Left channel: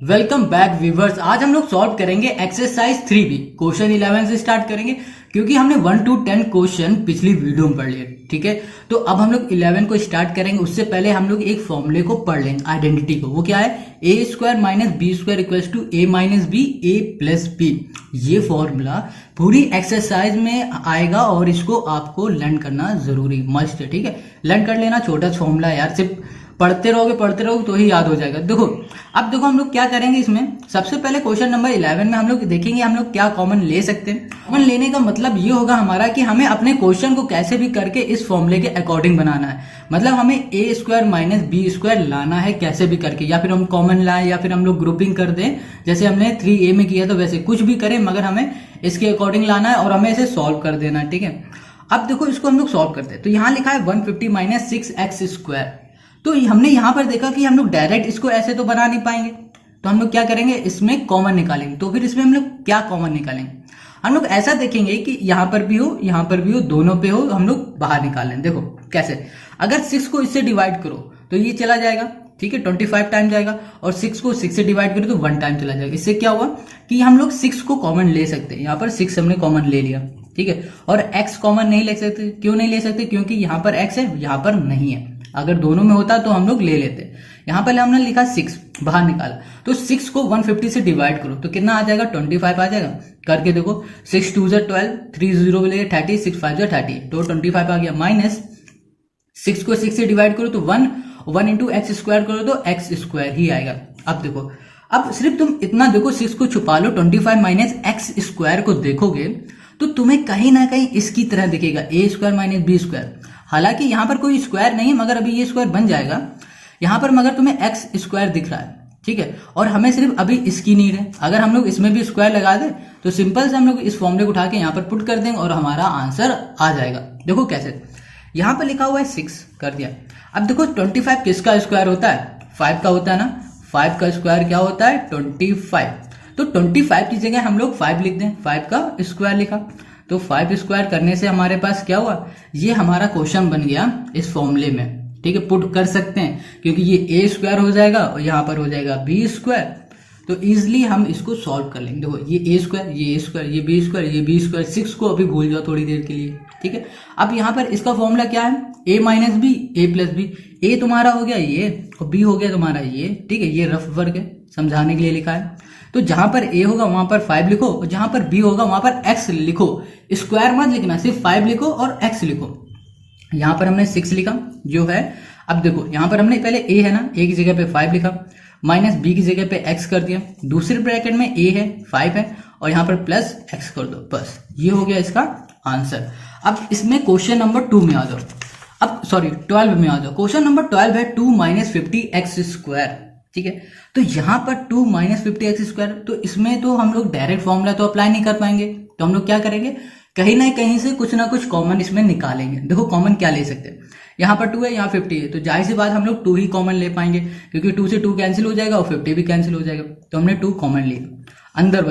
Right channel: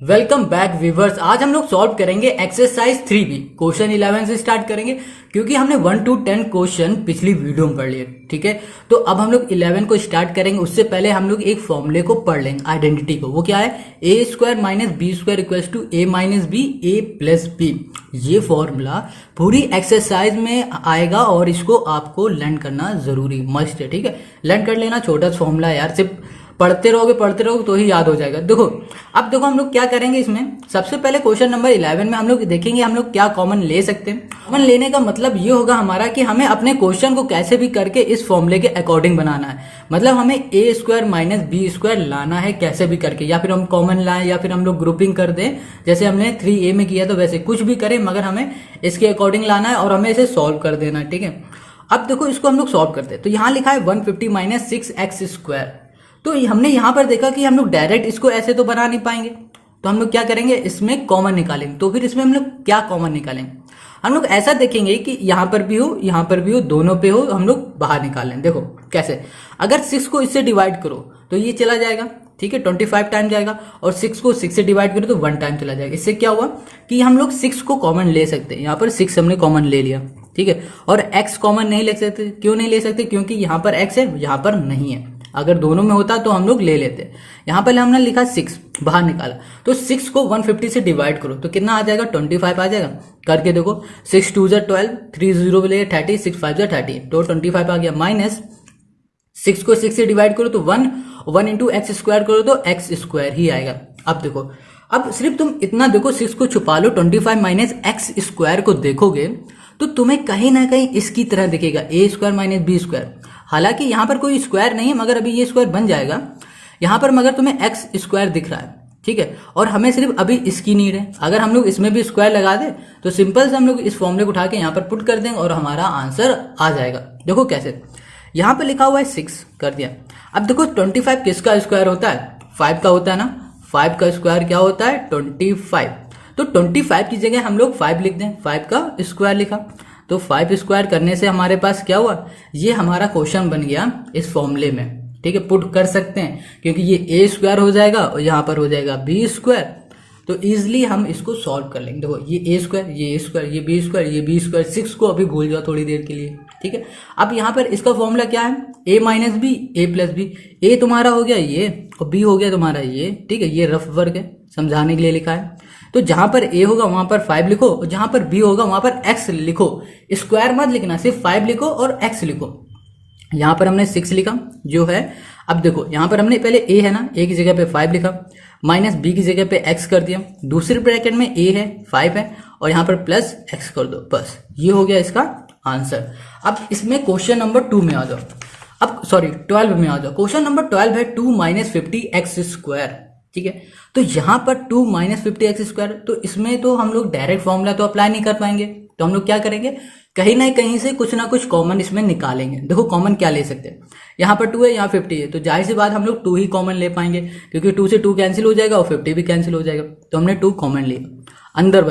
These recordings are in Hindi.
Welcome back viewers. आज हम लोग सॉल्व करेंगे एक्सरसाइज 3B। क्वेश्चन 11 से स्टार्ट करेंगे क्योंकि हमने 1 to 10 क्वेश्चन पिछली वीडियो में पढ़ लिए। ठीक है, तो अब हम लोग 11 को स्टार्ट करेंगे। उससे पहले हम लोग एक फॉर्मूले को पढ़ लेंगे, आइडेंटिटी को। वो क्या है? A square minus B square equals to A minus B A plus B. ये फॉर्मूला पूरी एक्सरसाइज में आएगा और इसको आपको लर्न करना जरूरी मस्ट है। ठीक है, लर्न कर लेना। छोटा सा फॉर्मूला यार, सिर्फ पढ़ते रहोगे तो ही याद हो जाएगा। देखो, अब देखो हम लोग क्या करेंगे इसमें। सबसे पहले क्वेश्चन नंबर 11 में हम लोग देखेंगे हम लोग क्या कॉमन ले सकते हैं। कॉमन लेने का मतलब ये होगा हमारा कि हमें अपने क्वेश्चन को कैसे भी करके इस फॉर्मूले के अकॉर्डिंग बनाना है। मतलब हमें ए स्क्वायर माइनस बी स्क्वायर लाना है कैसे भी करके, या फिर हम कॉमन लाएं या फिर हम लोग ग्रुपिंग कर दें जैसे हमने 3A में किया। तो वैसे कुछ भी करें मगर हमें इसके अकॉर्डिंग लाना है और हमें इसे सॉल्व कर देना है। ठीक है, अब देखो इसको हम लोग सॉल्व करते हैं। तो यहाँ लिखा है 150 माइनस 6x स्क्वायर। तो हमने यहां पर देखा कि हम लोग डायरेक्ट इसको ऐसे तो बना नहीं पाएंगे, तो हम लोग क्या करेंगे, इसमें कॉमन निकालेंगे। तो फिर इसमें हम लोग क्या कॉमन निकालेंगे? हम लोग ऐसा देखेंगे कि यहां पर भी हो यहां पर भी हो, दोनों पे हो, हम लोग बाहर निकाल लें। देखो कैसे, अगर 6 को इससे डिवाइड करो तो ये चला जाएगा। ठीक है, 25 टाइम जाएगा। और 6 को 6 से डिवाइड करो तो 1 टाइम चला जाएगा। इससे क्या हुआ कि हम लोग 6 को कॉमन ले सकते हैं। यहाँ पर 6 हमने कॉमन ले लिया। ठीक है, और x कॉमन नहीं ले सकते। क्यों नहीं ले सकते? क्योंकि यहाँ पर x है, यहाँ पर नहीं है। अगर दोनों में होता तो हम लोग ले लेते। यहां पर हमने लिखा 6, बाहर निकाला। तो 6 को 150 से डिवाइड करो तो कितना आ जाएगा? 25 आ जाएगा। करके देखो, 6 2 12, 3 0 ले 30, 6 5 30, तो 25 आ गया। माइनस 6 को 6 से डिवाइड करो तो 1 इंटू एक्स स्क्वायर करो तो एक्स स्क्वायर ही आएगा। अब देखो, अब सिर्फ तुम इतना देखो, 6 को छुपा लो, 25 माइनस एक्स स्क्वायर को देखोगे तो तुम्हें कहीं ना कहीं इसकी तरह दिखेगा, ए स्क्वायर माइनस बी स्क्वायर। हालांकि यहां पर कोई स्क्वायर नहीं है मगर अभी ये स्क्वायर बन जाएगा यहां पर, मगर तुम्हें एक्स स्क्वायर दिख रहा है। ठीक है, और हमें सिर्फ अभी इसकी नीड है। अगर हम लोग इसमें भी स्क्वायर लगा दे तो सिंपल से हम लोग इस फॉर्मूले को उठा के यहां पर पुट कर देंगे और हमारा आंसर आ जाएगा। देखो कैसे, यहां पर लिखा हुआ है 6 कर दिया। अब देखो 25 किसका स्क्वायर होता है? 5 का होता है ना। 5 का स्क्वायर क्या होता है? 25। तो 25 की जगह हम लोग 5 लिख दें, 5 का स्क्वायर लिखा। तो 5 स्क्वायर करने से हमारे पास क्या हुआ, ये हमारा क्वेश्चन बन गया इस फॉर्मूले में। ठीक है, पुट कर सकते हैं क्योंकि ये ए स्क्वायर हो जाएगा और यहां पर हो जाएगा बी स्क्वायर। तो इजिली हम इसको सॉल्व कर लेंगे। देखो, ये ए स्क्वायर, ये ए स्क्वायर, ये बी स्क्वायर, ये बी स्क्वायर। 6 को अभी भूल जाओ थोड़ी देर के लिए। ठीक है, अब यहां पर इसका फॉर्मूला क्या है? ए minus B A plus B. ए तुम्हारा हो गया ये और बी हो गया तुम्हारा ये। ठीक है, ये रफ वर्क है, समझाने के लिए लिखा है। तो जहां पर ए होगा वहां पर 5 लिखो और जहां पर बी होगा वहां पर x लिखो। स्क्वायर मत लिखना, सिर्फ 5 लिखो और x लिखो। यहां पर हमने 6 लिखा जो है। अब देखो यहां पर हमने पहले a है ना, a की जगह पे 5 लिखा, माइनस b की जगह पे x कर दिया। दूसरे ब्रैकेट में a है, 5 है और यहां पर प्लस x कर दो। बस ये हो गया इसका आंसर। अब इसमें क्वेश्चन नंबर 2 में आ जाओ। अब सॉरी 12 में आ जाओ। क्वेश्चन नंबर 12 है 2 माइनस 50x स्क्वायर। ठीक है, तो यहां पर 2 माइनस 50x स्क्वायर, तो इसमें तो हम लोग डायरेक्ट फॉर्मूला तो अप्लाई नहीं कर पाएंगे। तो हम लोग क्या करेंगे, कहीं ना कहीं से कुछ ना कुछ कॉमन इसमें निकालेंगे। देखो कॉमन क्या ले सकते हैं, यहाँ पर 2 है, यहाँ 50 है, तो जाहिर सी बात हम लोग 2 ही कॉमन ले पाएंगे क्योंकि 2 से 2 कैंसिल हो जाएगा और 50 भी कैंसिल हो जाएगा। तो हमने 2 कॉमन लिया। अंदर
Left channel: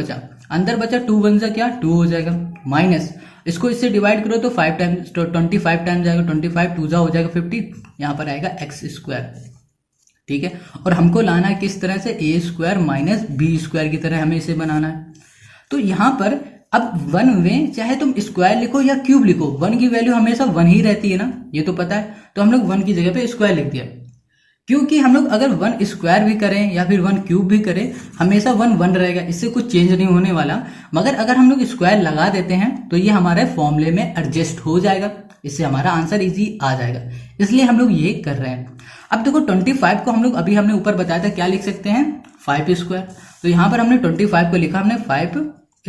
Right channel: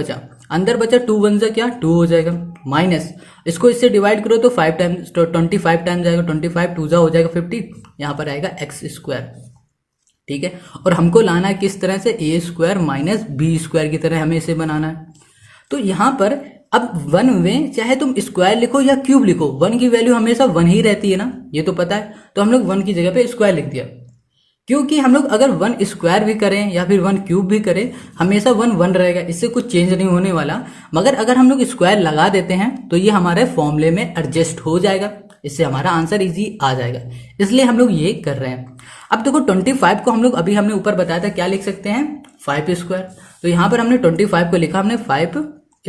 बचा 2 1 जा क्या 2 हो जाएगा। माइनस इसको इससे डिवाइड करो तो 5 टाइम्स, तो 25 टाइम जाएगा। 25 2 जा हो जाएगा 50, यहाँ पर आएगा एक्स स्क्वायर। ठीक है, और हमको लाना है किस तरह से, ए स्क्वायर माइनस बी स्क्वायर की तरह हमें इसे बनाना है। तो यहां पर अब 1 में चाहे तुम स्क्वायर लिखो या क्यूब लिखो, 1 की वैल्यू हमेशा 1 ही रहती है ना, ये तो पता है। तो हम लोग 1 की जगह पे स्क्वायर लिख दिया क्योंकि हम लोग अगर 1 स्क्वायर भी करें या फिर 1 क्यूब भी करें हमेशा 1 1 रहेगा, इससे कुछ चेंज नहीं होने वाला। मगर अगर हम लोग स्क्वायर लगा देते हैं तो ये हमारे फॉर्मूले में एडजस्ट हो जाएगा, इससे हमारा आंसर इजी आ जाएगा। इसलिए हम लोग ये कर रहे हैं। अब देखो 25 को हम लोग अभी हमने ऊपर बताया था क्या लिख सकते हैं, 5 स्क्वायर। तो यहां पर हमने 25 को लिखा हमने 5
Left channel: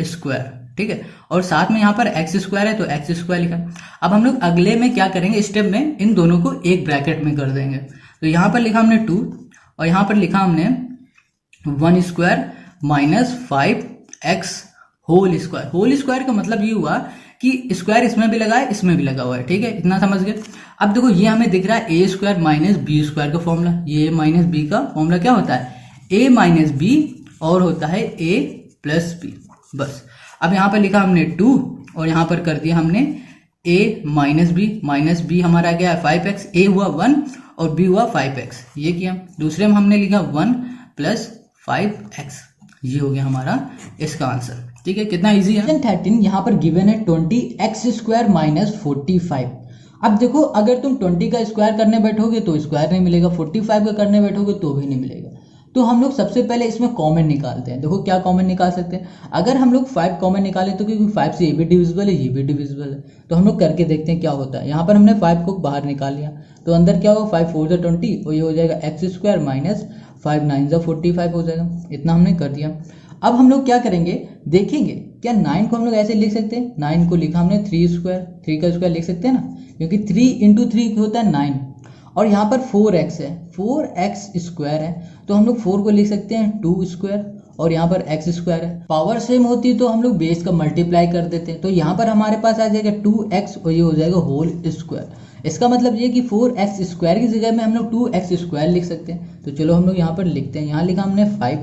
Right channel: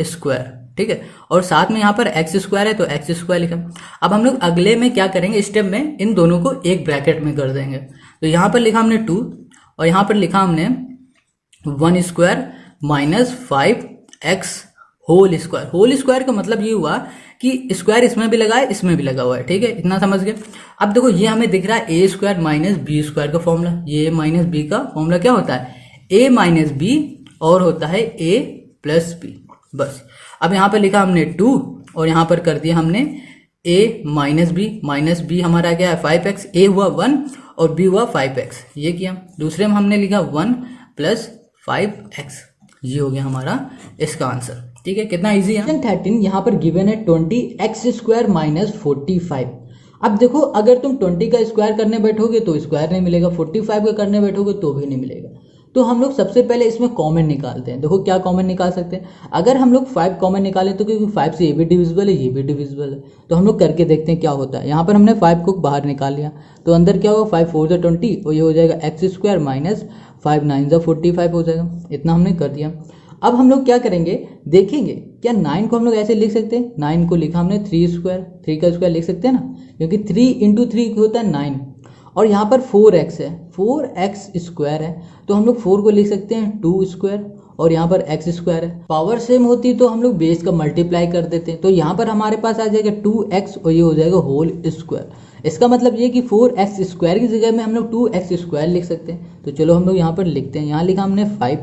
स्क्वायर। ठीक है, और साथ में यहाँ पर एक्स स्क्वायर है तो एक्स स्क्वायर लिखा। अब हम लोग अगले में क्या करेंगे, स्टेप में इन दोनों को एक ब्रैकेट में कर देंगे। तो यहाँ पर लिखा हमने 2 और यहाँ पर लिखा हमने 1 square minus 5x whole square. Whole square का मतलब ये हुआ कि स्क्वायर इसमें भी लगा है, इसमें भी लगा हुआ है। ठीक है, इतना समझ गए। अब देखो ये हमें दिख रहा है A square minus B square का फॉर्मूला। ये माइनस बी का फॉर्मूला क्या होता है, ए माइनस बी और होता है ए प्लस बी। बस अब यहाँ पे लिखा हमने 2 और यहाँ पर कर दिया हमने a माइनस बी हमारा क्या है 5x, a हुआ 1 और b हुआ 5x, ये किया। दूसरे में हमने लिखा 1 प्लस 5x। ये हो गया हमारा इसका आंसर। ठीक है, कितना इजी है। 13 यहाँ पर गिवन है 20x² माइनस 45। अब देखो, अगर तुम 20 का स्क्वायर करने बैठोगे तो स्क्वायर नहीं मिलेगा, 45 का करने बैठोगे तो भी नहीं मिलेगा। तो हम लोग सबसे पहले इसमें कॉमन निकालते हैं। देखो क्या कॉमन निकाल सकते हैं, अगर हम लोग 5 कॉमन निकालें तो क्योंकि 5 से ये भी डिविजिबल है ये भी डिविजिबल है, तो हम लोग करके देखते हैं क्या होता है। यहाँ पर हमने 5 को बाहर निकाल लिया तो अंदर क्या होगा, 5 4 20 और ये हो जाएगा x² माइनस 5 9 45 हो जाएगा। इतना हमने कर दिया। अब हम लोग क्या करेंगे, देखेंगे क्या 9 को हम लोग ऐसे लिख सकते हैं। 9 को लिखा हमने 3 का स्क्वायर लिख सकते हैं ना, क्योंकि 3 × 3 होता है 9 और यहाँ पर 4x है, 4x² है तो हम लोग 4 को लिख सकते हैं 2² और यहाँ पर x² है। पावर सेम होती तो हम लोग बेस का मल्टीप्लाई कर देते हैं, तो यहाँ पर हमारे पास आ जाएगा 2x और ये हो जाएगा होल स्क्वायर। इसका मतलब ये कि 4x² की जगह में हम लोग 2x² लिख सकते हैं। तो चलो हम लोग यहाँ पर लिखते हैं। यहाँ लिखा हमने 5,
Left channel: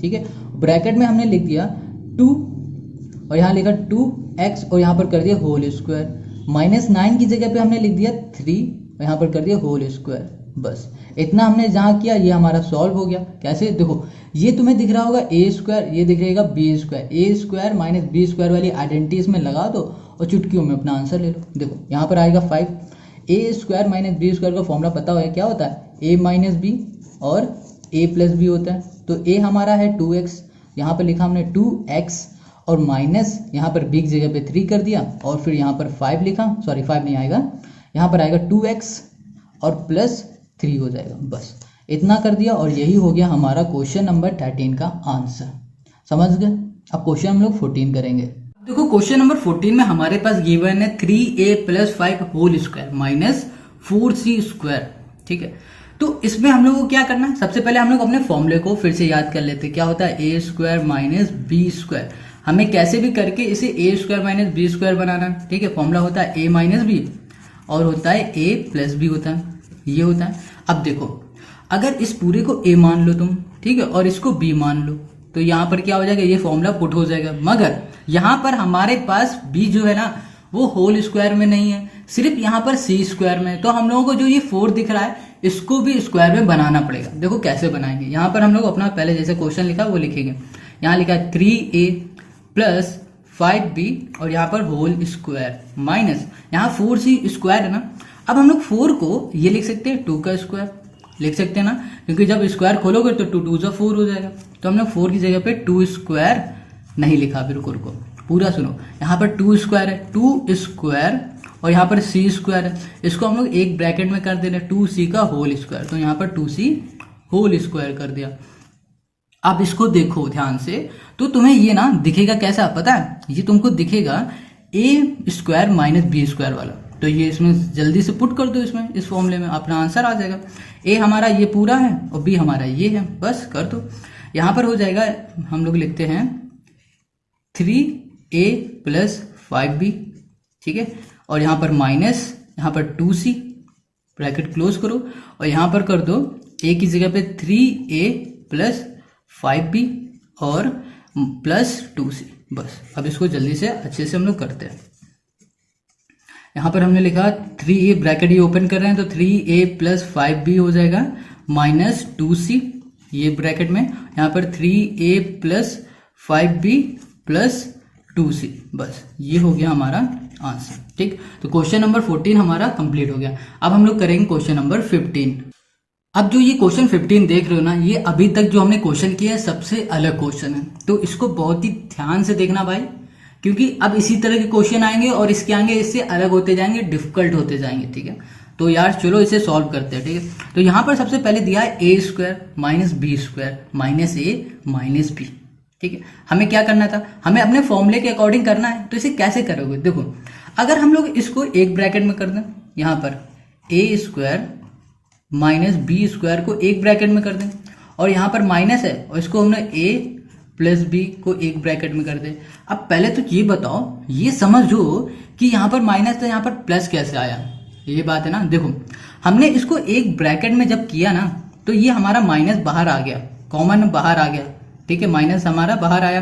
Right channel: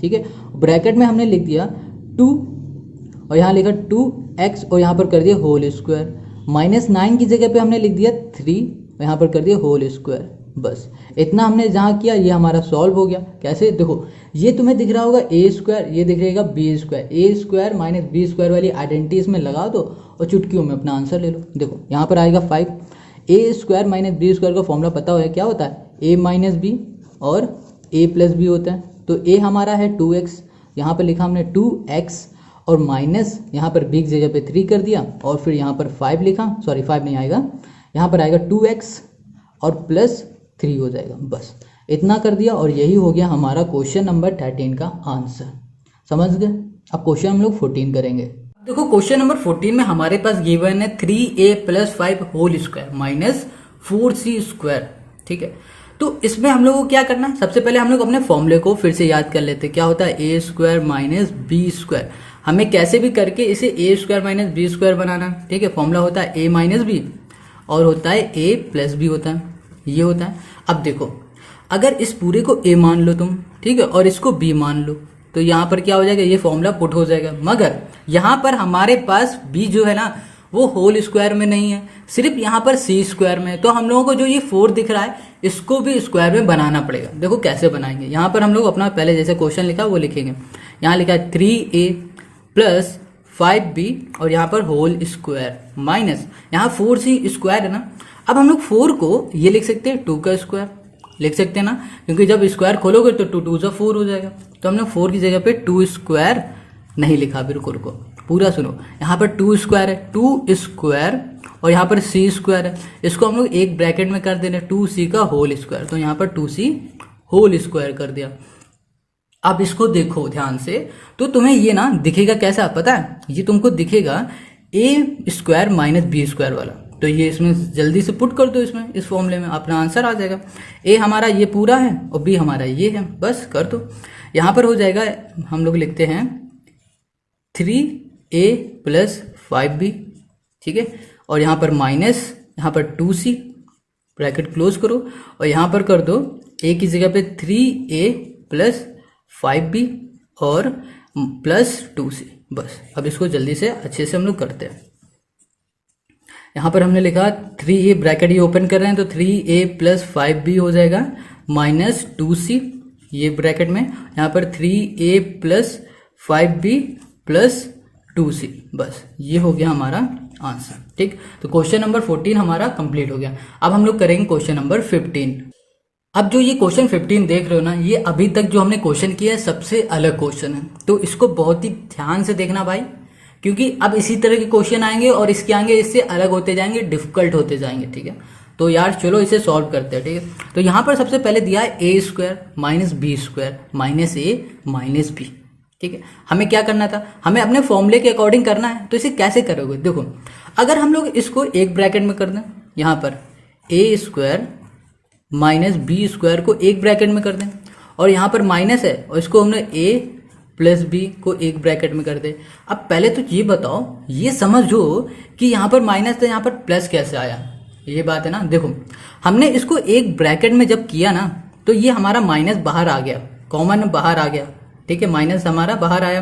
ठीक है, ब्रैकेट में हमने लिख दिया 2 और यहाँ लिखा 2x और यहाँ पर कर दिया होल स्क्वायर, माइनस 9 की जगह पे हमने लिख दिया 3 और यहाँ पर कर दिया होल स्क्वायर। बस इतना हमने जहाँ किया ये हमारा सॉल्व हो गया। कैसे, देखो ये तुम्हें दिख रहा होगा a², ये दिख रहेगा b², a² माइनस b² वाली आइडेंटिटी इसमें लगा दो और चुटकियों में अपना आंसर ले लो। देखो यहाँ पर आएगा 5, a² माइनस b² का फॉर्मूला पता है क्या होता है, a माइनस b और a प्लस b होता है। तो a हमारा है 2x, यहाँ पर लिखा हमने 2x और माइनस यहाँ पर b की जगह पे 3 कर दिया और फिर यहाँ पर 5 लिखा, सॉरी 5 नहीं आएगा, यहाँ पर आएगा 2x और प्लस 3 हो जाएगा। बस इतना कर दिया और यही हो गया हमारा क्वेश्चन नंबर 13 का आंसर। समझ गए। अब क्वेश्चन हम लोग 14 करेंगे। देखो क्वेश्चन नंबर 14 में हमारे पास गिवन है 3a + 5 whole square minus 4c²। ठीक है, तो इसमें हम लोग को क्या करना है, सबसे पहले हम लोग अपने फॉर्मूले को फिर से याद कर लेते हैं। क्या होता है, a² माइनस b²। हमें कैसे भी करके इसे a² माइनस b² बनाना है। ठीक है, फॉर्मूला होता है a माइनस b और होता है a प्लस b होता है, ये होता है। अब देखो अगर इस पूरे को a मान लो तुम, ठीक है, और इसको b मान लो तो यहाँ पर क्या हो जाएगा, ये फॉर्मूला पुट हो जाएगा। मगर यहाँ पर हमारे पास b जो है ना वो होल स्क्वायर में नहीं है, सिर्फ यहाँ पर c² में है। तो हम लोगों को जो ये 4 दिख रहा है इसको भी स्क्वायर में बनाना पड़ेगा। देखो कैसे बनाएंगे, यहाँ पर हम लोग अपना पहले जैसे क्वेश्चन लिखा वो लिखेंगे। यहाँ लिखा है 3a + 5b और यहाँ पर होल स्क्वायर माइनस यहाँ 4c² है ना। अब हम लोग 4 को ये लिख सकते हैं 2 का स्क्वायर लिख सकते हैं ना, क्योंकि जब स्क्वायर खोलोगे तो 2 2 4 हो जाएगा। तो हमने 4 की जगह पे 2² नहीं लिखा, बिल्कुल को पूरा सुनो। यहाँ पर 2² है, 2² और यहाँ पर c² है, इसको हम लोग एक ब्रैकेट में कर दे रहे हैं 2c का होल स्क्वायर, तो यहाँ पर 2c होल स्क्वायर कर दिया। अब इसको देखो ध्यान से, तो तुम्हें ये ना दिखेगा कैसा पता है, ये तुमको दिखेगा a² माइनस b² वाला। तो ये इसमें जल्दी से पुट कर दो, इसमें इस फॉर्मूले में अपना आंसर आ जाएगा। a हमारा ये पूरा है और b हमारा ये है, बस कर दो। यहाँ पर हो जाएगा, हम लोग लिखते हैं 3a + 5b, ठीक है, और यहाँ पर माइनस यहाँ पर 2c ब्रैकेट क्लोज करो और यहाँ पर कर दो a की जगह पे 3a + 5b और प्लस 2c। बस अब इसको जल्दी से अच्छे से हम लोग करते हैं। यहाँ पर हमने लिखा 3a ब्रैकेट ये ओपन कर रहे हैं तो 3a + 5b हो जाएगा माइनस 2c, ये ब्रैकेट में यहाँ पर 3a + 5b + 2c। बस ये हो गया हमारा आंसर। ठीक, तो क्वेश्चन नंबर 14 हमारा कंप्लीट हो गया। अब हम लोग करेंगे क्वेश्चन नंबर 15। अब जो ये क्वेश्चन 15 देख रहे हो ना, ये अभी तक जो हमने क्वेश्चन किया है सबसे अलग क्वेश्चन है, तो इसको बहुत ही ध्यान से देखना भाई, क्योंकि अब इसी तरह के क्वेश्चन आएंगे और इसके आगे इससे अलग होते जाएंगे, डिफिकल्ट होते जाएंगे। ठीक है, तो यार चलो इसे सॉल्व करते हैं। ठीक है, तो यहाँ पर सबसे पहले दिया है a² minus b² minus a minus b। ठीक है, हमें क्या करना था, हमें अपने फॉर्मूले के अकॉर्डिंग करना है। तो इसे कैसे करोगे, देखो अगर हम लोग इसको एक ब्रैकेट में कर दें, यहाँ पर a² माइनस b² को एक ब्रैकेट में कर दें और यहाँ पर माइनस है और इसको हमने a + b को एक ब्रैकेट में कर दे। अब पहले तो ये बताओ, ये समझो कि यहाँ पर माइनस था, यहाँ पर प्लस कैसे आया, ये बात है ना। देखो हमने इसको एक ब्रैकेट में जब किया ना तो ये हमारा माइनस बाहर आ गया, कॉमन बाहर आ गया। ठीक है, माइनस हमारा बाहर आया,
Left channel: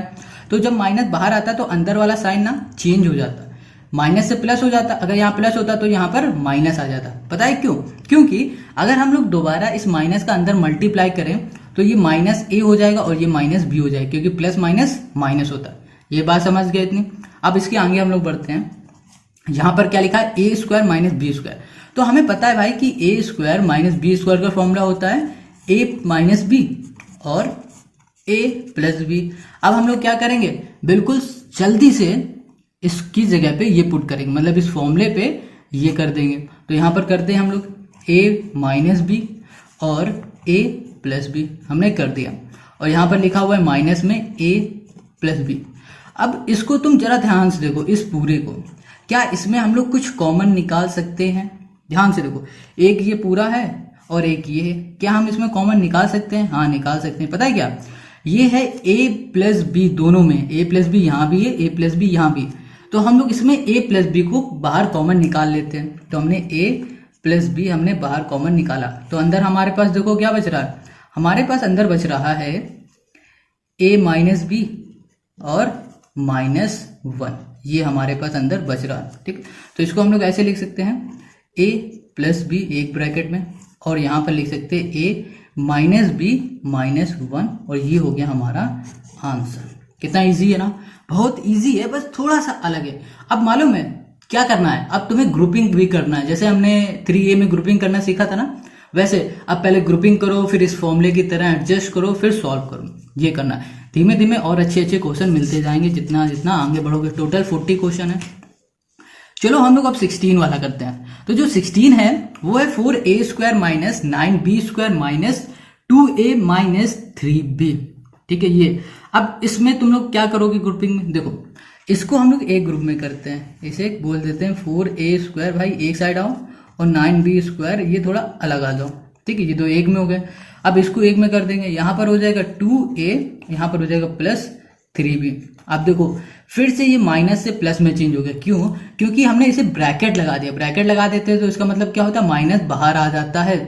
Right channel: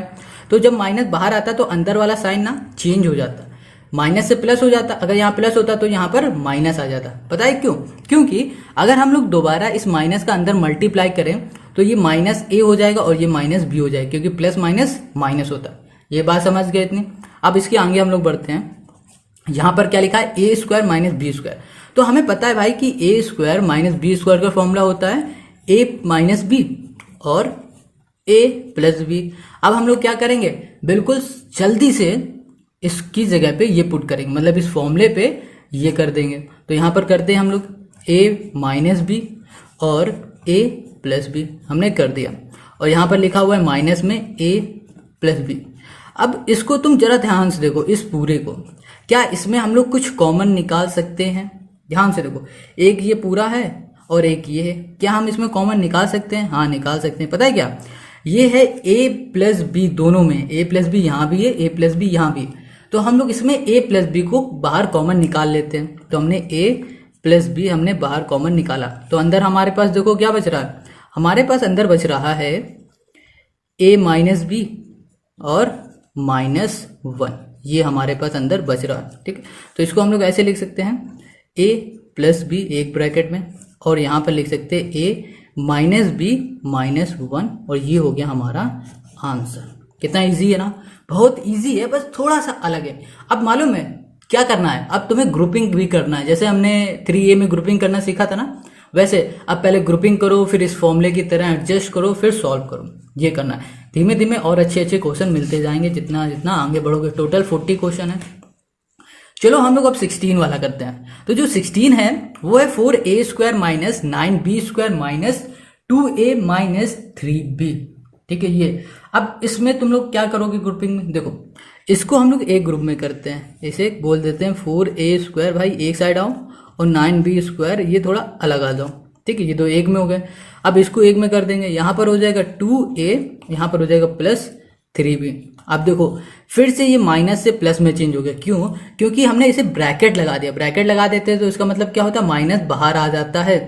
तो जब माइनस बाहर आता तो अंदर वाला साइन ना चेंज हो जाता, माइनस से प्लस हो जाता। अगर यहाँ प्लस होता तो यहाँ पर माइनस आ जाता। पता है क्यों, क्योंकि अगर हम लोग दोबारा इस माइनस का अंदर मल्टीप्लाई करें तो ये माइनस ए हो जाएगा और ये माइनस बी हो जाएगा, क्योंकि प्लस माइनस माइनस होता है। ये बात समझ गए इतनी। अब इसके आगे हम लोग बढ़ते हैं। यहां पर क्या लिखा है, A square minus B square. तो हमें पता है भाई कि ए स्क्वायर माइनस बी स्क्वायर का फॉर्मूला होता है ए माइनस बी और ए प्लस बी। अब हम लोग क्या करेंगे, बिल्कुल जल्दी से इसकी जगह पे ये पुट करेंगे, मतलब इस फॉर्मूले पे ये कर देंगे। तो यहाँ पर करते हैं हम लोग ए माइनस बी और ए प्लस बी हमने कर दिया, और यहाँ पर लिखा हुआ है माइनस में ए प्लस बी। अब इसको तुम जरा ध्यान से देखो, इस पूरे को, क्या इसमें हम लोग कुछ कॉमन निकाल सकते हैं? ध्यान से देखो, एक ये पूरा है और एक ये है, क्या हम इसमें कॉमन निकाल सकते हैं? हाँ निकाल सकते हैं। पता है क्या, ये है ए प्लस बी, दोनों में ए प्लस बी यहाँ भी है, ए प्लस बी यहाँ भी, तो हम लोग इसमें ए प्लस बी को बाहर कॉमन निकाल लेते हैं। तो हमने ए प्लस बी हमने बाहर कॉमन निकाला, तो अंदर हमारे पास देखो क्या बच रहा है, हमारे पास अंदर बच रहा है ए माइनस बी और माइनस वन, ये हमारे पास अंदर बच रहा है। ठीक, तो इसको हम लोग ऐसे लिख सकते हैं ए प्लस बी एक ब्रैकेट में, और यहाँ पर लिख सकते हैं ए माइनस बी माइनस वन, और ये हो गया हमारा आंसर। कितना इजी है ना, बहुत इजी है, बस थोड़ा सा अलग है। अब मालूम है क्या करना है, अब तुम्हें ग्रुपिंग भी करना है। जैसे हमने 3A में ग्रुपिंग करना सीखा था ना, वैसे अब पहले ग्रुपिंग करो, फिर इस फॉर्मूले की तरह एडजस्ट करो, फिर सॉल्व करो, ये करना है। धीमे धीमे और अच्छे अच्छे क्वेश्चन मिलते जाएंगे जितना जितना आगे बढ़ोगे। टोटल 40 क्वेश्चन है। चलो हम लोग अब 16 वाला करते हैं। तो जो 16 है वो है 4a square minus 9b square minus 2a minus 3b। ठीक है, ये अब इसमें तुम लोग क्या करोगे ग्रुपिंग में, देखो इसको हम लोग एक ग्रुप में करते हैं, इसे बोल देते हैं 4a स्क्वायर, भाई एक साइड आओ, और 9b स्क्वायर ये थोड़ा अलग आ जाओ। ठीक है, ये दो एक में हो गए। अब इसको एक में कर देंगे, यहाँ पर हो जाएगा 2a, यहाँ पर हो जाएगा प्लस 3b। अब देखो फिर से ये माइनस से प्लस में चेंज हो गया, क्यों? क्योंकि हमने इसे ब्रैकेट लगा दिया। ब्रैकेट लगा देते हैं तो इसका मतलब क्या होता है, माइनस बाहर आ जाता है।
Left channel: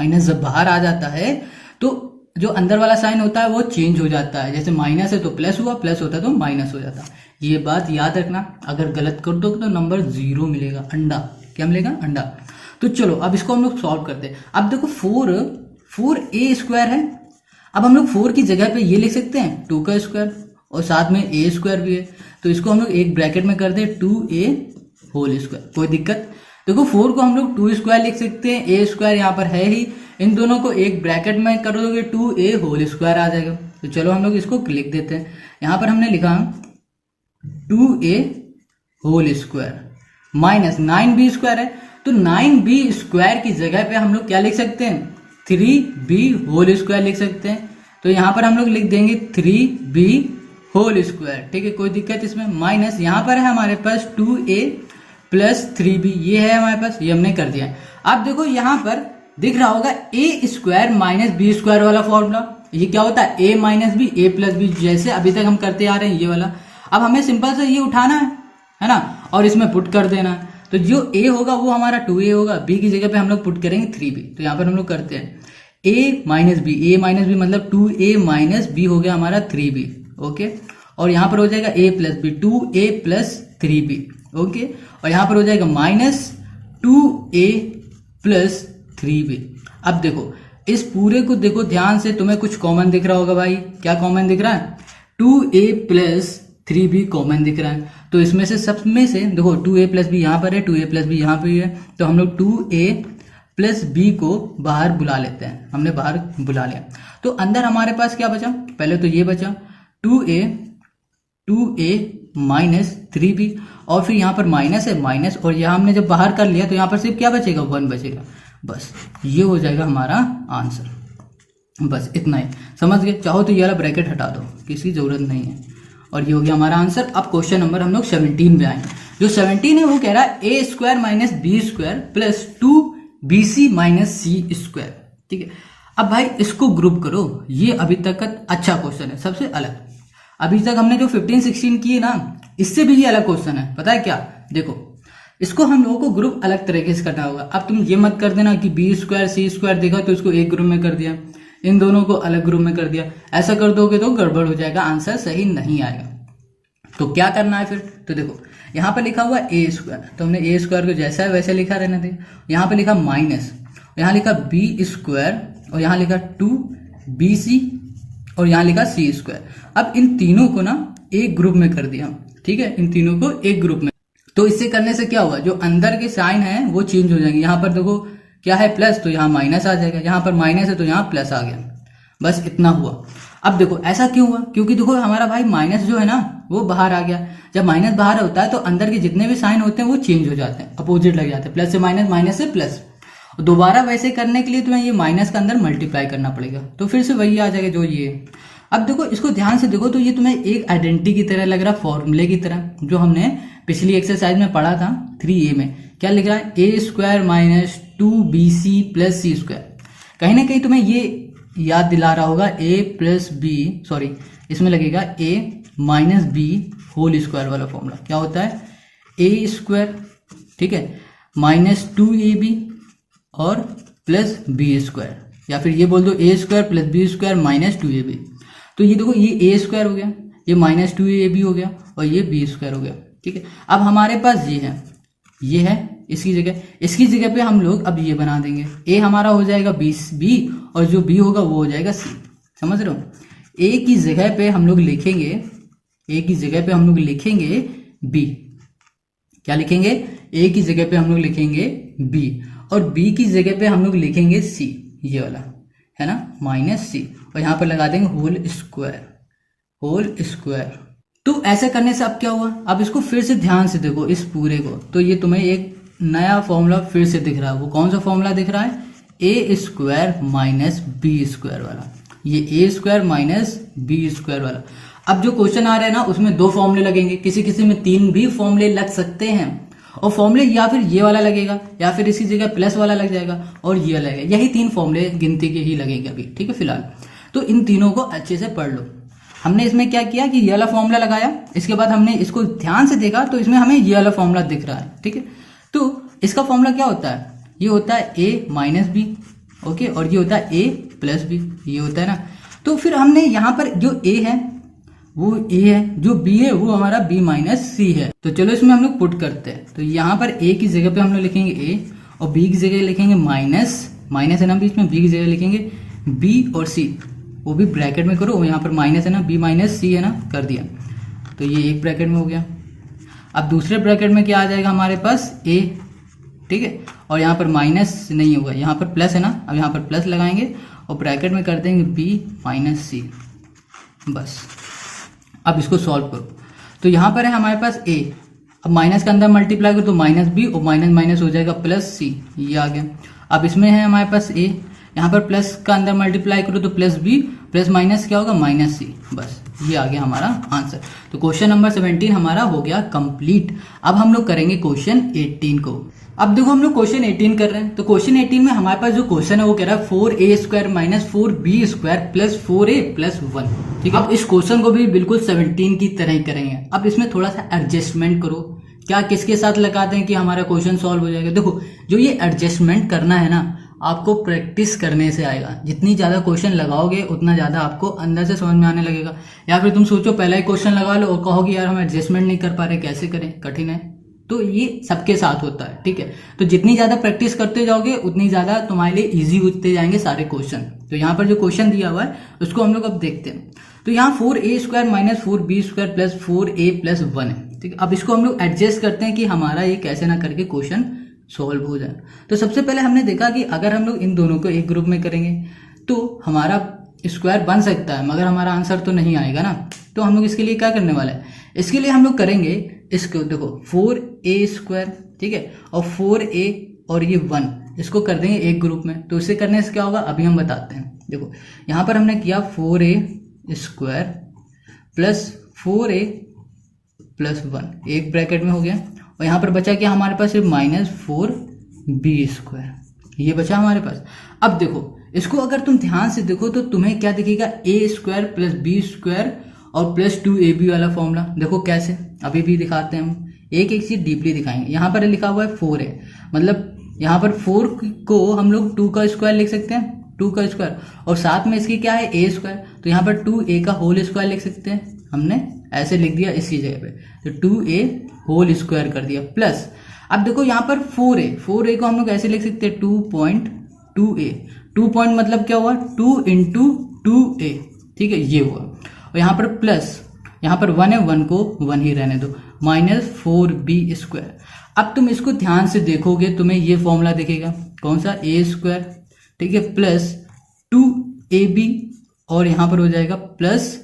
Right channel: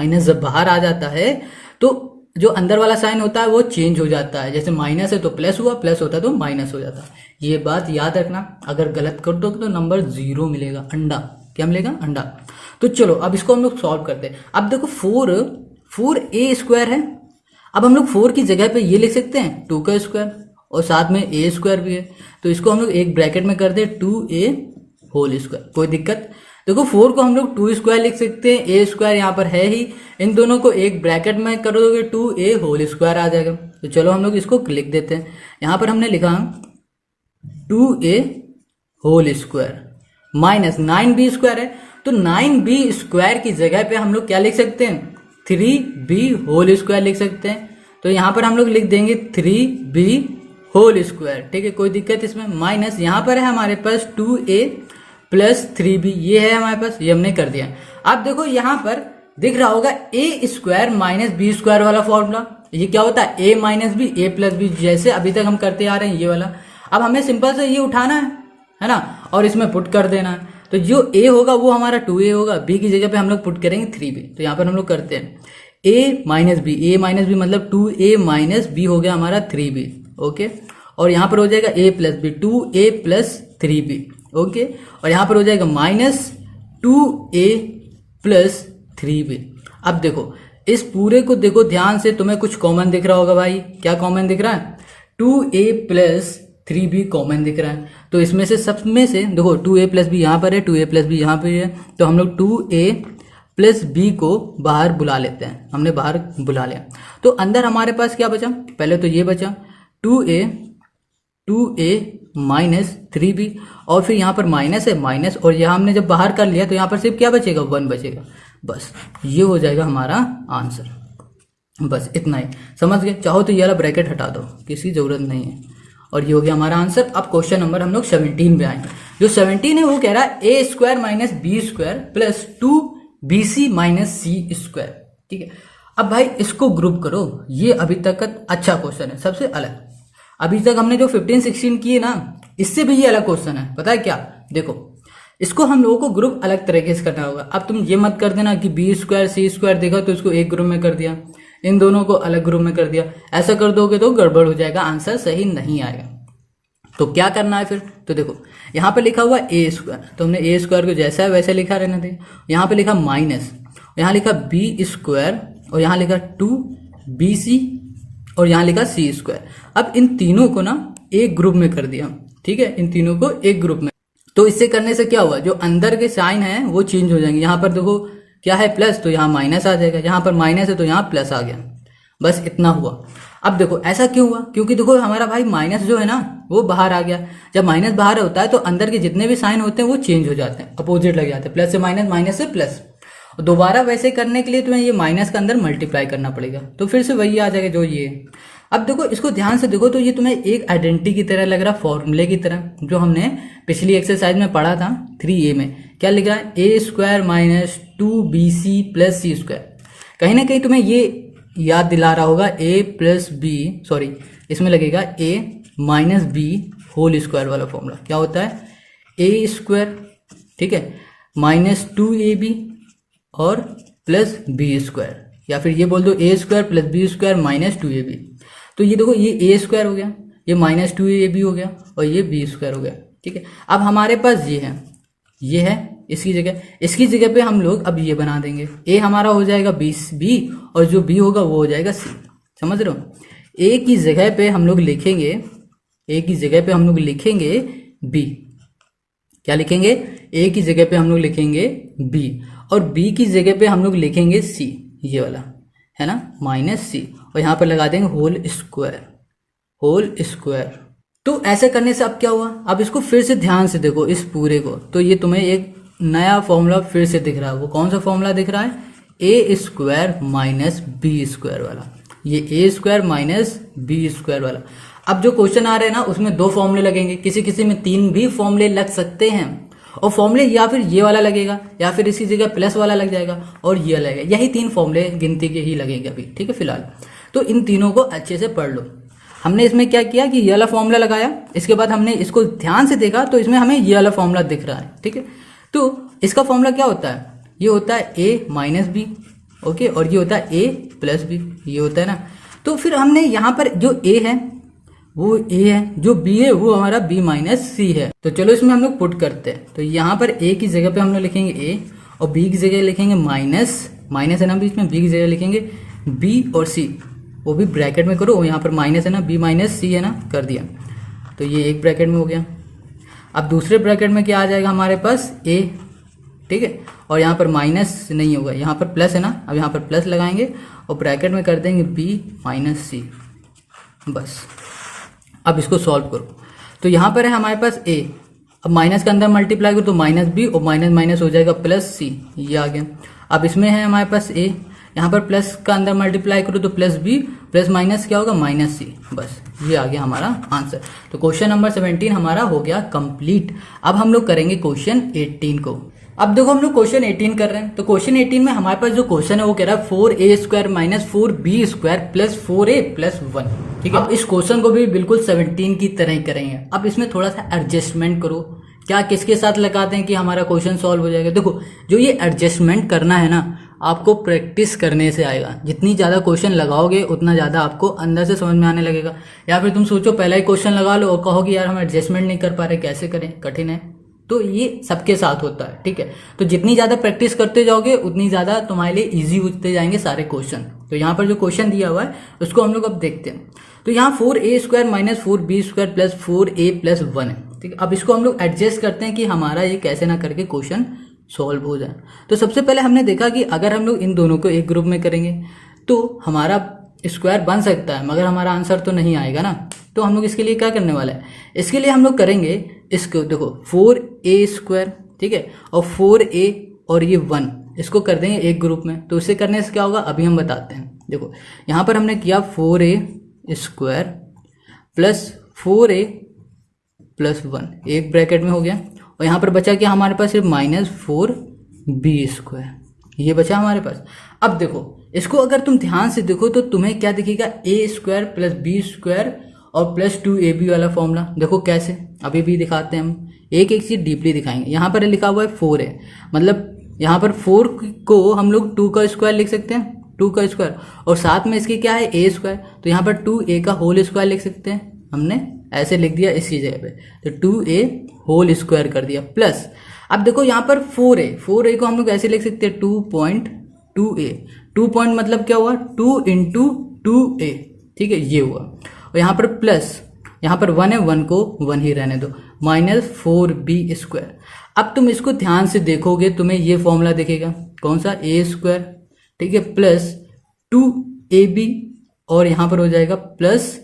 माइनस जब बाहर आ जाता है तो जो अंदर वाला साइन होता है वो चेंज हो जाता है। जैसे माइनस है तो प्लस हुआ, प्लस होता है तो माइनस हो जाता है। ये बात याद रखना, अगर गलत कर दो तो नंबर 0 मिलेगा, अंडा। क्या मिलेगा? अंडा। तो चलो अब इसको हम लोग सॉल्व करते हैं। अब देखो 4a स्क्वायर है, अब हम लोग 4 की जगह पे ये लिख सकते हैं 2 का स्क्वायर, और साथ में a स्क्वायर भी है, तो इसको हम लोग एक ब्रैकेट में कर दे 2a होल स्क्वायर। कोई दिक्कत? देखो 4 को हम लोग 2 स्क्वायर लिख सकते हैं, a स्क्वायर यहाँ पर है ही, इन दोनों को एक ब्रैकेट में कर दोगे 2a होल स्क्वायर आ जाएगा। तो चलो हम लोग इसको लिख देते हैं। यहाँ पर हमने लिखा 2a whole square minus 9b square है, तो 9b स्क्वायर की जगह पे हम लोग क्या लिख सकते हैं, 3b होल स्क्वायर लिख सकते हैं। तो यहाँ पर हम लोग लिख देंगे 3b होल स्क्वायर। ठीक है, कोई दिक्कत इसमें? माइनस यहाँ पर है हमारे पास 2a प्लस 3b, ये है हमारे पास, ये हमने कर दिया। अब देखो यहाँ पर दिख रहा होगा a square minus B square वाला फॉर्मूला, ये क्या होता है, a minus b a plus b, जैसे अभी तक हम करते आ रहे हैं ये वाला। अब हमें सिंपल से ये उठाना है ना, और इसमें पुट कर देना। तो जो a होगा वो हमारा 2a होगा, b की जगह पे हम लोग पुट करेंगे 3b। तो यहाँ पर हम लोग करते हैं a माइनस बी मतलब 2a माइनस b हो गया हमारा 3b। ओके, और यहाँ पर हो जाएगा a plus b, 2a plus 3b। Okay, और यहाँ पर हो जाएगा माइनस 2a प्लस 3b। अब देखो इस पूरे को देखो ध्यान से, तुम्हें कुछ कॉमन दिख रहा होगा भाई। क्या कॉमन दिख रहा है? 2a प्लस 3b कॉमन दिख रहा है। तो इसमें से सब में से देखो 2a प्लस बी यहाँ पर है, 2a प्लस बी यहाँ पर है, तो हम लोग 2a प्लस बी को बाहर बुला लेते हैं। हमने बाहर बुला लिया, तो अंदर हमारे पास क्या बचा, पहले तो ये बचा 2a माइनस 3b, और फिर यहाँ पर माइनस है माइनस, और यहाँ हमने जब बाहर कर लिया तो यहाँ पर सिर्फ क्या बचेगा, 1 बचेगा। बस ये हो जाएगा हमारा आंसर। बस इतना ही, समझ गए? चाहो तो ये वाला ब्रैकेट हटा दो, किसी जरूरत नहीं है। और ये हो गया हमारा आंसर। अब क्वेश्चन नंबर हम लोग 17 पे आएंगे। जो 17 है वो कह रहा है a square minus B square plus 2bc minus c square. ठीक है, अब भाई इसको ग्रुप करो, ये अभी तक का अच्छा क्वेश्चन है, सबसे अलग। अभी तक हमने जो 15-16 किए ना, इससे भी ये अलग क्वेश्चन है। पता है क्या? देखो इसको हम लोगों को ग्रुप अलग तरीके से करना होगा। अब तुम ये मत कर देना कि बी स्क्वायर सी स्क्वायर देखा तो इसको एक ग्रुप में कर दिया, इन दोनों को अलग ग्रुप में कर दिया। ऐसा कर दोगे तो गड़बड़ हो जाएगा, आंसर सही नहीं आएगा। तो क्या करना है फिर? तो देखो यहाँ पे लिखा हुआ ए स्क्वायर, तो हमने ए स्क्वायर को जैसा है वैसे लिखा रहने दें। यहाँ पे लिखा माइनस, यहाँ लिखा बी स्क्वायर, और यहाँ लिखा बी सी और यहाँ लिखा सी स्क्वायर। अब इन तीनों को ना एक ग्रुप में कर दिया, ठीक है, इन तीनों को एक ग्रुप में। तो इससे करने से क्या हुआ, जो अंदर के साइन है वो चेंज हो जाएंगे। यहाँ पर देखो क्या है प्लस, तो यहाँ माइनस आ जाएगा, यहाँ पर माइनस है तो यहाँ प्लस आ गया, बस इतना हुआ। अब देखो ऐसा क्यों हुआ, क्योंकि देखो हमारा भाई माइनस जो है ना वो बाहर आ गया। जब माइनस बाहर होता है तो अंदर के जितने भी साइन होते हैं वो चेंज हो जाते हैं, अपोजिट लग जाते हैं, प्लस से माइनस, माइनस से प्लस। दोबारा वैसे करने के लिए तुम्हें ये माइनस के अंदर मल्टीप्लाई करना पड़ेगा, तो फिर से वही आ जाएगा जो ये है। अब देखो इसको ध्यान से देखो तो ये तुम्हें एक आइडेंटिटी की तरह लग रहा, फॉर्मूले की तरह, जो हमने पिछली एक्सरसाइज में पढ़ा था 3a में। क्या लिख रहा है, A square minus 2bc plus C square. कहीं ना कहीं तुम्हें ये याद दिला रहा होगा a प्लस बी, सॉरी इसमें लगेगा a minus b whole square वाला फॉर्मूला। क्या होता है, ए स्क्वायर, ठीक है, माइनस 2ab और प्लस बी स्क्वायर, या फिर ये बोल दो A square plus B square minus 2ab। तो ये देखो ये ए स्क्वायर हो गया, ये माइनस 2ab हो गया और ये बी स्क्वायर हो गया, ठीक है। अब हमारे पास ये है इसकी जगह पे हम लोग अब ये बना देंगे, ए हमारा हो जाएगा बी और जो बी होगा वो हो जाएगा सी। समझ रहे हो, ए की जगह पे हम लोग लिखेंगे बी। क्या लिखेंगे, ए की जगह पे हम लोग लिखेंगे बी और बी की जगह पे हम लोग लिखेंगे सी, ये वाला है ना, माइनस सी, और यहाँ पर लगा देंगे होल स्क्वायर। तो ऐसा करने से अब क्या हुआ, अब इसको फिर से ध्यान से देखो इस पूरे को, तो ये तुम्हें एक नया फॉर्मूला फिर से दिख रहा है। वो कौन सा फॉर्मूला दिख रहा है, A square minus B square वाला, ये ए स्क्वायर माइनस बी स्क्वायर वाला। अब जो क्वेश्चन आ रहे हैं ना उसमें 2 फॉर्मूले लगेंगे, किसी किसी में 3 भी फॉर्मूले लग सकते हैं, और फॉर्मूले या फिर ये वाला लगेगा या फिर इसी जगह प्लस वाला लग जाएगा और ये लगेगा, यही 3 फॉर्मूले गिनती के ही लगेंगे अभी, ठीक है फिलहाल। तो इन तीनों को अच्छे से पढ़ लो। हमने इसमें क्या किया कि ये वाला फॉर्मूला लगाया, इसके बाद हमने इसको ध्यान से देखा तो इसमें हमें ये वाला फॉर्मूला दिख रहा है, ठीक है। तो इसका फॉर्मूला क्या होता है, ये होता है ए माइनस बी, ओके, और ये होता है ए प्लस बी, ये होता है ना। तो फिर हमने यहाँ पर जो ए है वो ए है, जो बी है वो हमारा बी माइनस सी है। तो चलो इसमें हम लोग पुट करते हैं। तो यहाँ पर ए की जगह पे हम लोग लिखेंगे ए और बी की जगह लिखेंगे माइनस है ना बीच में, बी की जगह लिखेंगे बी और सी, वो भी ब्रैकेट में करो, यहाँ पर माइनस है ना, बी माइनस सी है ना, कर दिया। तो ये एक ब्रैकेट में हो गया। अब दूसरे ब्रैकेट में क्या आ जाएगा हमारे पास, ए, ठीक है, और यहाँ पर माइनस नहीं होगा, यहाँ पर प्लस है ना, अब यहाँ पर प्लस लगाएंगे और ब्रैकेट में कर देंगे बी माइनस सी, बस। अब इसको सॉल्व करो, तो यहाँ पर है हमारे पास ए, अब माइनस के अंदर मल्टीप्लाई करो तो माइनस बी और माइनस माइनस हो जाएगा प्लस सी, ये आ गया। अब इसमें है हमारे पास ए, यहाँ पर प्लस का अंदर मल्टीप्लाई करो तो प्लस बी प्लस माइनस क्या होगा, माइनस सी, बस ये आ गया हमारा आंसर। तो क्वेश्चन नंबर 17 हमारा हो गया कंप्लीट। अब हम लोग करेंगे क्वेश्चन 18 को। अब देखो हम लोग क्वेश्चन 18 कर रहे हैं, तो क्वेश्चन 18 में हमारे पास जो क्वेश्चन है वो कह रहा है 4a square minus 4b square plus 4a plus 1, ठीक है। अब इस क्वेश्चन को भी बिल्कुल 17 की तरह ही करेंगे। अब इसमें थोड़ा सा एडजस्टमेंट करो, क्या किसके साथ लगाते हैं कि हमारा क्वेश्चन सॉल्व हो जाएगा। देखो जो ये एडजस्टमेंट करना है ना, आपको प्रैक्टिस करने से आएगा। जितनी ज्यादा क्वेश्चन लगाओगे उतना ज्यादा आपको अंदर से समझ में आने लगेगा। या फिर तुम सोचो पहला ही क्वेश्चन लगा लो और कहोगे यार हम एडजस्टमेंट नहीं कर पा रहे, कैसे करें, कठिन है। तो ये सबके साथ होता है, ठीक है। तो जितनी ज्यादा प्रैक्टिस करते जाओगे उतनी ज्यादा तुम्हारे लिए इजी होते जाएंगे सारे क्वेश्चन। तो यहाँ पर जो क्वेश्चन दिया हुआ है उसको हम लोग अब देखते हैं। तो यहाँ 4a square minus 4b square plus 4a plus 1 है, ठीक है। अब इसको हम लोग एडजस्ट करते हैं कि हमारा ये कैसे ना करके क्वेश्चन सॉल्व हो जाए। तो सबसे पहले हमने देखा कि अगर हम लोग इन दोनों को एक ग्रुप में करेंगे तो हमारा स्क्वायर बन सकता है, मगर हमारा आंसर तो नहीं आएगा ना। तो हम लोग इसके लिए क्या करने वाला है, इसके लिए हम लोग करेंगे इसको, देखो 4a स्क्वायर, ठीक है, और 4a और ये 1 इसको कर देंगे एक ग्रुप में। तो इसे करने से क्या होगा अभी हम बताते हैं। देखो यहाँ पर हमने किया 4a square plus 4a plus 1 एक ब्रैकेट में हो गया, और यहाँ पर बचा क्या हमारे पास, माइनस 4b स्क्वायर, ये बचा हमारे पास। अब देखो इसको अगर तुम ध्यान से देखो तो तुम्हें क्या दिखेगा, a square plus b square और प्लस 2ab वाला फॉर्मूला। देखो कैसे, अभी भी दिखाते हैं हम, एक एक चीज डीपली दिखाएंगे। यहाँ पर लिखा हुआ है 4 है, मतलब यहाँ पर 4 को हम लोग 2 का स्क्वायर लिख सकते हैं, 2 का स्क्वायर, और साथ में इसकी क्या है a स्क्वायर, तो यहाँ पर 2a का होल स्क्वायर लिख सकते हैं। हमने ऐसे लिख दिया इसी जगह पे, तो 2a होल स्क्वायर कर दिया प्लस। अब देखो यहाँ पर 4a को हम लोग ऐसे लिख सकते हैं 2.2a, 2 पॉइंट मतलब क्या हुआ, 2 इंटू 2a, ठीक है, ये हुआ। और यहाँ पर प्लस, यहाँ पर 1 है, 1 को 1 ही रहने दो, माइनस 4b²। अब तुम इसको ध्यान से देखोगे तुम्हें ये फॉर्मूला दिखेगा, कौन सा, a², ठीक है, प्लस 2ab और यहाँ पर हो जाएगा प्लस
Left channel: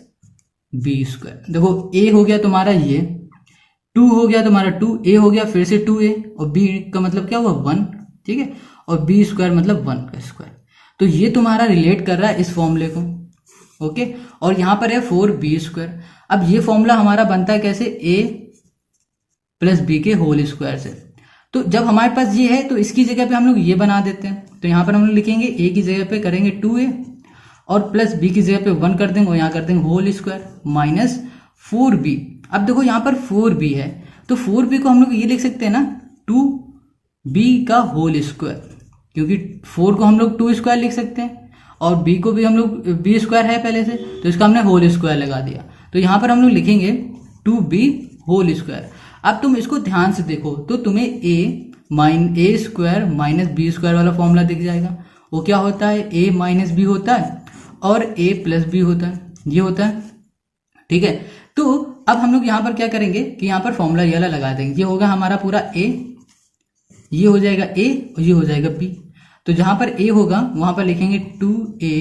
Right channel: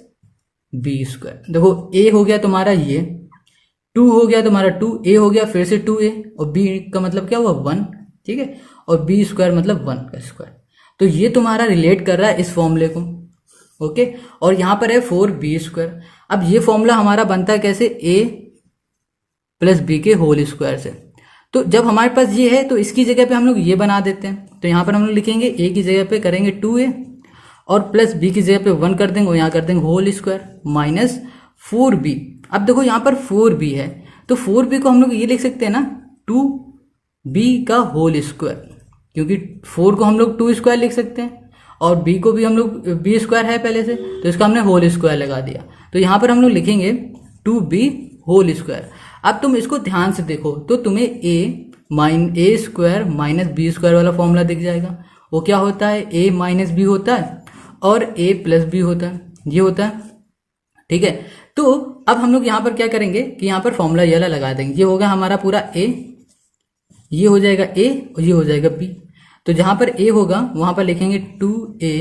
b²। देखो a हो गया तुम्हारा ये, 2 हो गया तुम्हारा 2, a हो गया फिर से 2a, और b का मतलब क्या हुआ 1, ठीक है, और b² मतलब 1 का स्क्वायर। तो ये तुम्हारा रिलेट कर रहा है इस फॉर्मूले को, ओके। और यहाँ पर है 4b²। अब ये फॉर्मूला हमारा बनता है कैसे, a प्लस b के होल स्क्वायर से। तो जब हमारे पास ये है तो इसकी जगह पे हम लोग ये बना देते हैं। तो यहाँ पर हम लोग लिखेंगे a की जगह पे करेंगे 2a और प्लस b की जगह पे 1 कर देंगे और यहाँ कर देंगे होल स्क्वायर माइनस 4b। अब देखो यहाँ पर 4b है तो 4b को हम लोग ये लिख सकते हैं ना 2b का होल स्क्वायर, क्योंकि 4 को हम लोग 2² लिख सकते हैं और b को भी हम लोग b² है पहले से, तो इसका हमने होल स्क्वायर लगा दिया। तो यहाँ पर हम लोग लिखेंगे 2b होल स्क्वायर। अब तुम इसको ध्यान से देखो तो तुम्हें a² माइनस b² वाला फॉर्मूला दिख जाएगा। वो क्या होता है, a माइनस b होता है और a प्लस b होता है, ये होता है, ठीक है। तो अब हम लोग यहाँ पर क्या करेंगे कि यहाँ पर फॉर्मूला ये वाला लगा देंगे। ये होगा हमारा पूरा a, ये हो जाएगा a और ये हो जाएगा b। तो जहाँ पर a होगा वहाँ पर लिखेंगे 2a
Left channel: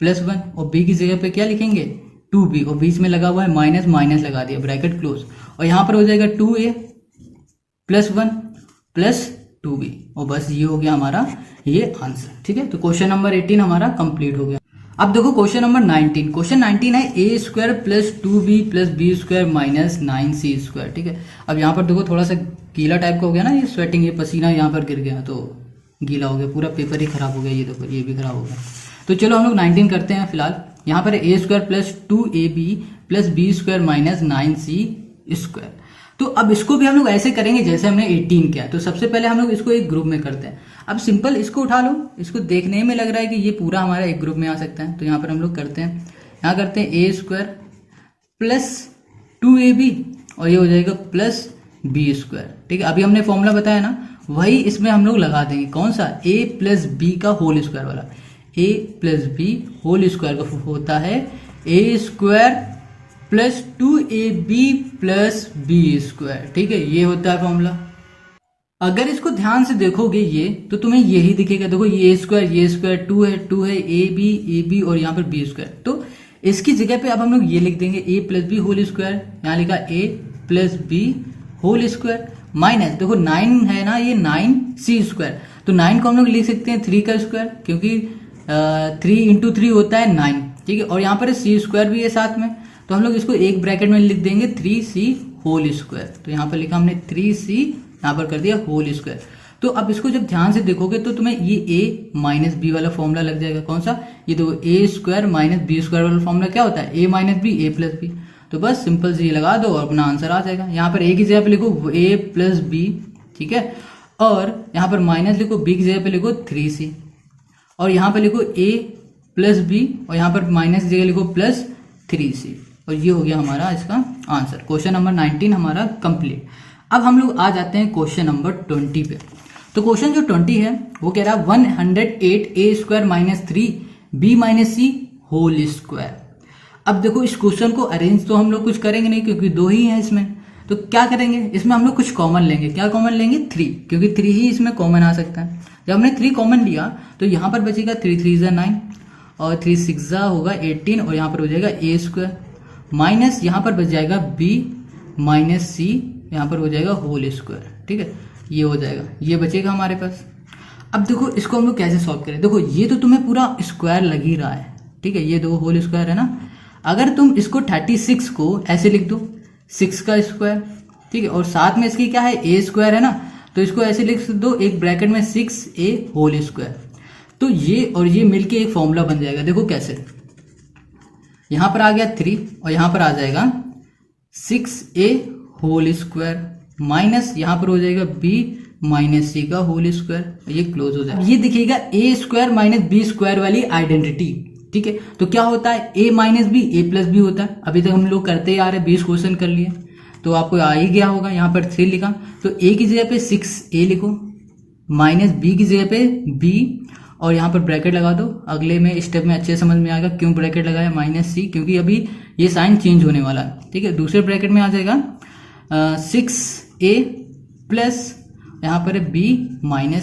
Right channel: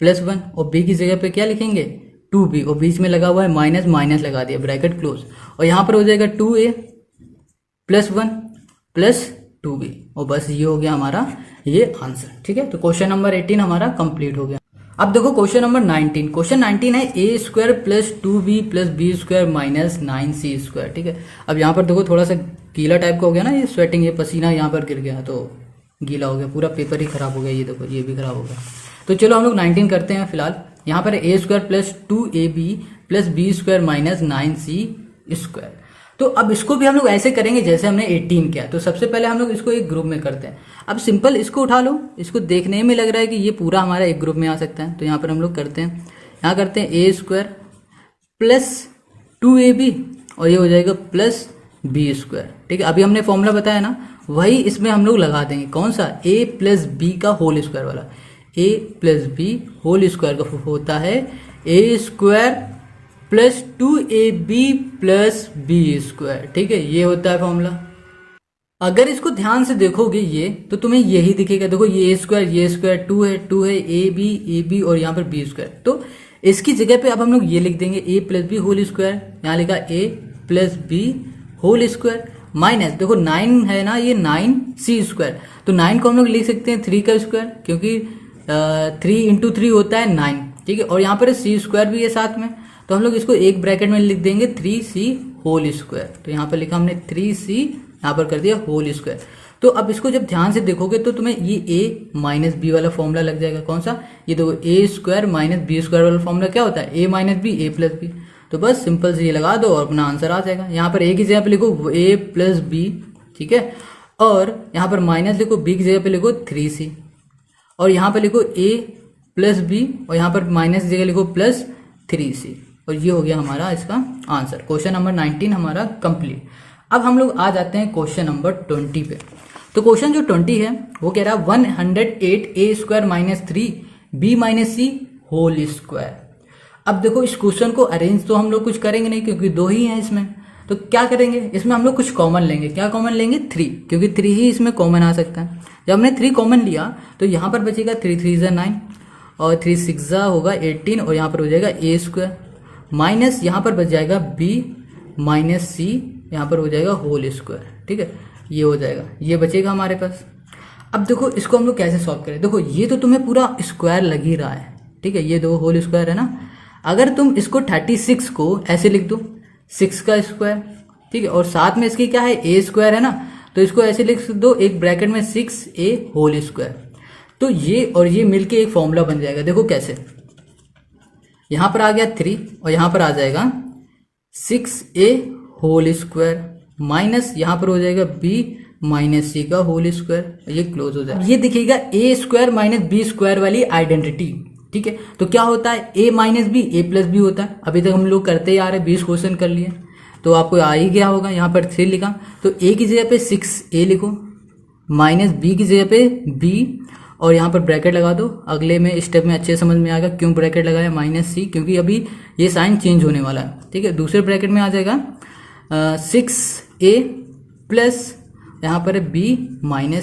प्लस 1 और b की जगह पे क्या लिखेंगे 2b और बीच में लगा हुआ है माइनस, माइनस लगा दिया, ब्रैकेट क्लोज, और यहाँ पर हो जाएगा 2a प्लस 1 प्लस 2b और बस ये हो गया हमारा ये आंसर, ठीक है। तो क्वेश्चन नंबर 18 हमारा कंप्लीट हो गया। अब देखो क्वेश्चन नंबर 19। क्वेश्चन 19 है a² plus 2b plus b² minus 9c², ठीक है। अब यहाँ पर देखो थोड़ा सा गीला टाइप का हो गया ना, ये स्वेटिंग, ये पसीना यहाँ पर गिर गया तो गीला हो गया, पूरा पेपर ही खराब हो गया, ये देखो ये भी खराब हो गया। तो चलो हम लोग 19 करते हैं फिलहाल। यहाँ पर a² plus 2ab plus b² minus 9c²। तो अब इसको भी हम लोग ऐसे करेंगे जैसे हमने 18 किया। तो सबसे पहले हम लोग इसको एक ग्रुप में करते हैं। अब सिंपल इसको उठा लो, इसको देखने में लग रहा है कि ये पूरा हमारा एक ग्रुप में आ सकता है। तो यहाँ पर हम लोग करते हैं, यहाँ करते हैं a² प्लस 2ab और ये हो जाएगा प्लस b², ठीक है। अभी हमने फॉर्मूला बताया ना, वही इसमें हम लोग लगा देंगे, कौन सा, a प्लस b का होल स्क्वायर वाला। a plus b whole square का होता है a² plus 2ab plus b², ठीक है, ये होता है फॉर्मूला। अगर इसको ध्यान से देखोगे ये तो तुम्हें यही दिखेगा। देखो ये a², 2 है, 2 है, ab और यहाँ पर b²। तो इसकी जगह पे अब हम लोग ये लिख देंगे a plus b whole square, यहाँ लिखा a plus b whole square minus, देखो 9 है ना, ये 9c²। तो 9 को हम लोग लिख सकते हैं 3 का स्क्वायर, क्योंकि 3 इंटू 3 होता है 9, ठीक है। और यहाँ पर c² भी है साथ में, तो हम लोग इसको एक ब्रैकेट में लिख देंगे 3c होल स्क्वायर। तो यहाँ पर लिखा हमने 3c, यहाँ पर कर दिया होल स्क्वायर। तो अब इसको जब ध्यान से देखोगे तो तुम्हें ये a माइनस बी वाला फॉर्मूला लग जाएगा, कौन सा, ये देखो a² माइनस b² वाला फॉर्मूला क्या होता है, a minus b a plus b. तो बस सिंपल से ये लगा दो और अपना आंसर आ जाएगा। यहाँ पर a की जगह पे लिखो a प्लस बी, ठीक है, और यहाँ पर माइनस लिखो, b की जगह पे लिखो 3c और यहाँ पर लिखो a प्लस बी और यहाँ पर माइनस की जगह लिखो प्लस 3c और ये हो गया हमारा इसका आंसर। क्वेश्चन नंबर 19 हमारा कंप्लीट। अब हम लोग आ जाते हैं क्वेश्चन नंबर 20 पे। तो क्वेश्चन जो 20 है वो कह रहा है 108a² माइनस 3b माइनस सी होल स्क्वायर। अब देखो इस क्वेश्चन को अरेंज तो हम लोग कुछ करेंगे नहीं, क्योंकि 2 ही हैं इसमें। तो क्या करेंगे, इसमें हम लोग कुछ कॉमन लेंगे। क्या कॉमन लेंगे, 3, क्योंकि 3 ही इसमें कॉमन आ सकता है। जब हमने 3 कॉमन लिया तो यहाँ पर बचेगा 3 3 9 और 3 6 होगा 18 और यहाँ पर हो जाएगा a² माइनस यहाँ पर बच जाएगा b माइनस सी, यहाँ पर हो जाएगा होल स्क्वायर, ठीक है, ये हो जाएगा, ये बचेगा हमारे पास। अब देखो इसको हम लोग कैसे सॉल्व करें। देखो ये तो तुम्हें पूरा स्क्वायर लग ही रहा है, ठीक है, ये 2 होल स्क्वायर है ना। अगर तुम इसको 36 को ऐसे लिख दो 6 का स्क्वायर, ठीक है, और साथ में इसकी क्या है a² है ना, तो इसको ऐसे लिख दो एक ब्रैकेट में 6a होल स्क्वायर। तो ये और ये मिलके एक फॉर्मूला बन जाएगा। देखो कैसे, यहाँ पर आ गया 3 और यहाँ पर आ जाएगा 6a होल स्क्वायर माइनस यहाँ पर हो जाएगा b माइनस सी का होल स्क्वायर, ये क्लोज हो जाएगा। ये दिखेगा a² माइनस b² वाली आइडेंटिटी, ठीक है। तो क्या होता है a minus b a plus b होता है। अभी तक हम लोग करते आ रहे, 20 क्वेश्चन कर लिए तो आपको आ ही गया होगा। यहाँ पर 3 लिखा तो a की जगह पे 6a लिखो माइनस b की जगह पे b और यहाँ पर ब्रैकेट लगा दो। अगले में स्टेप में अच्छे समझ में आएगा क्यों ब्रैकेट लगाया -c, क्योंकि अभी ये साइन चेंज होने वाला है। ठीक है, दूसरे ब्रैकेट में आ जाएगा 6a प्लस यहाँ पर है b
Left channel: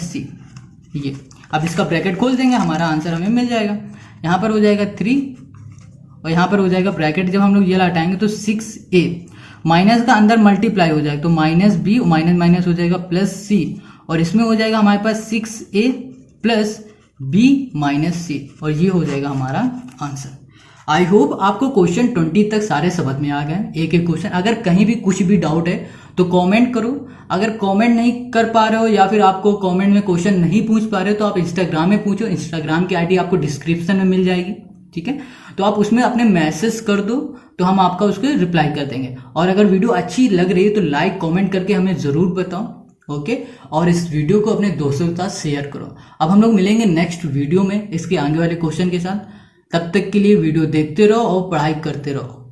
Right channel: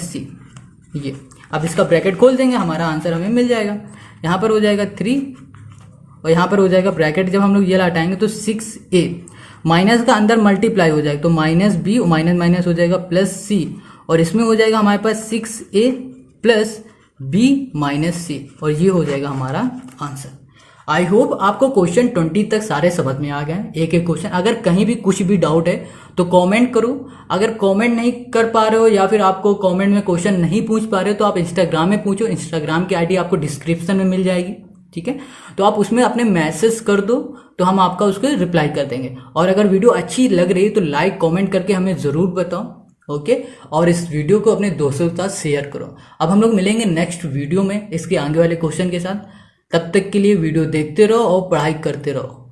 - c। ये अब इसका ब्रैकेट खोल देंगे, हमारा आंसर हमें मिल जाएगा। यहाँ पर हो जाएगा 3 और यहाँ पर हो जाएगा ब्रैकेट जब हम लोग ये हटाएंगे तो 6a माइनस का अंदर मल्टीप्लाई हो जाएगा तो -b माइनस हो जाएगा +c और इसमें हो जाएगा हमारे पास 6a प्लस b - c और ये हो जाएगा हमारा आंसर। आई होप आपको क्वेश्चन 20 तक सारे समझ में आ गए, एक एक क्वेश्चन। अगर कहीं भी कुछ भी डाउट है तो कमेंट करो। अगर कमेंट नहीं कर पा रहे हो या फिर आपको कमेंट में क्वेश्चन नहीं पूछ पा रहे हो तो आप इंस्टाग्राम में पूछो। इंस्टाग्राम की आईडी आपको डिस्क्रिप्शन में मिल जाएगी। ठीक है, तो आप उसमें अपने मैसेज कर दो तो हम आपका उसको रिप्लाई कर देंगे। और अगर वीडियो अच्छी लग रही है तो लाइक कमेंट करके हमें जरूर बताओ। ओके, और इस वीडियो को अपने दोस्तों के साथ शेयर करो। अब हम लोग मिलेंगे नेक्स्ट वीडियो में इसके आगे वाले क्वेश्चन के साथ। तब तक के लिए वीडियो देखते रहो और पढ़ाई करते रहो।